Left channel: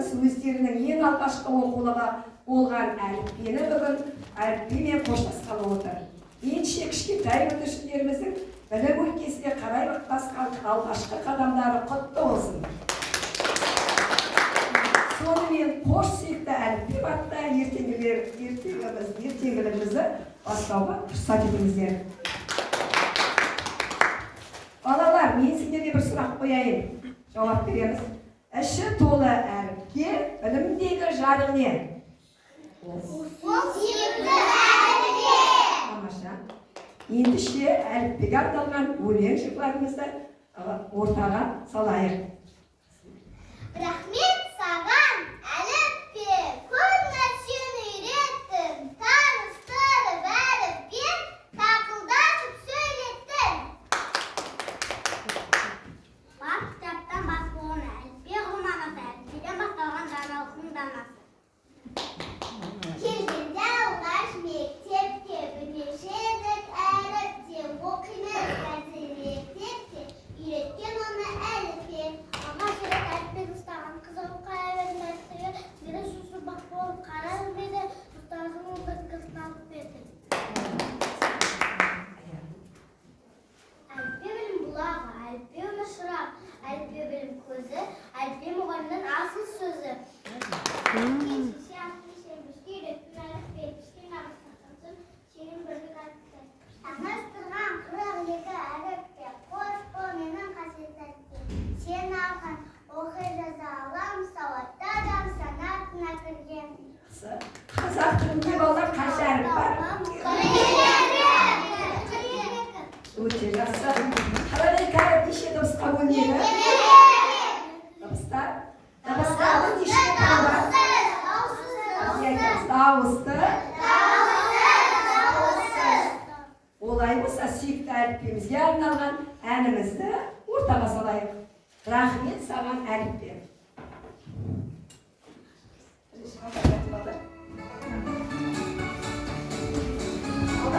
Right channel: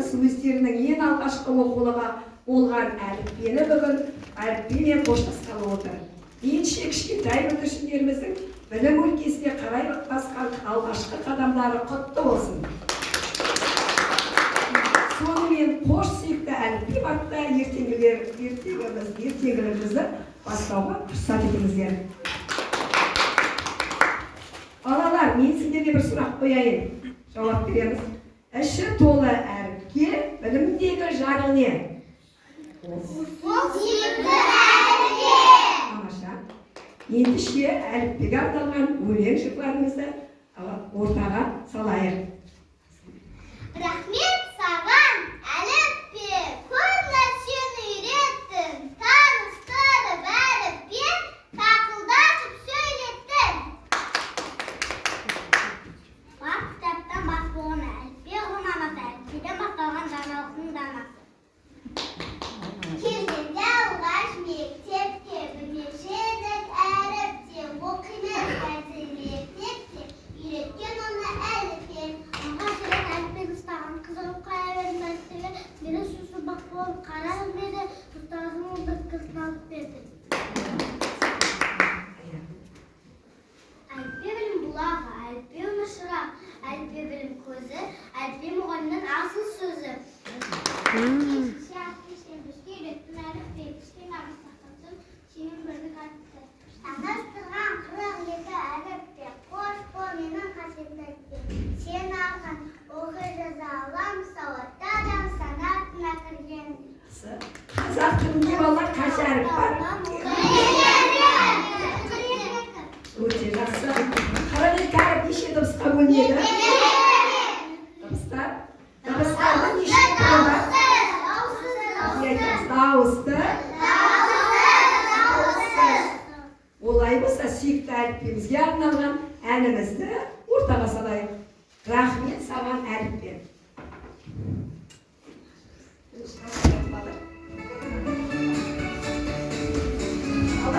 байланыс өздерінің ең алғашқы оқулығы болған әліппені бүгін әліпбимен қоштасқалы отыр. Ендеше кішкентай бүлдіршіндеріміздің білім өлкесіне қарай басқан алғашқы қадамдары құтты болсын. Сонымен қош сүйікті әліпби атты ертеңгілігімізді бастауға рұқсат етіңіздер. Балалар, мен сіздерге бір сұрақ қояйын. Жауап береміз. Іші толы әріпке білімдегі жарық не? Сүйікті әліппе. Тамаша. Ендеше әліппеге арналған өлең жырларымызды ортаға салайық. Рахмет саған, әліппе, көп нәрсені үйреттің, таныстырып әріппен, тақылдатып сөйлеттің. Бақ кітаптан бас болған әліппе ғұнамасы, әліппеден басталған жаңалықтың данасы. Келгенде алғаш мектепте, білмеуші едік әріпте, оқимыз әзірлетекте, үйреткен оны әліппен. Алғаш рет әліппені ұстаған қызығып қая берді мәселе, бері шушы бақ болып қарап еді, ұстазым бір қысталып берді. Әліппе білім бұлағы, әліппе өмір шырақ, әліппе білім көзі, әліппе мұғалімнің асыл сөзі. Таныстырған 42 әріппе, қош бол менің қасиетті әліппе. Сен алған оқи жаза алам, сауатты адам санатына кірген. Қазақ тілінде балалар қанша әріп бар? 42. Өте жақсы. 42 әріп неше дыбысқа бөлінеді? Дыбыстар? Дыбыстардың неше түрі бар? Дауысты. Олай болса, сүйікті әліппемізге арналған әнімізді ортаға салайық. Рахмет саған әліппе.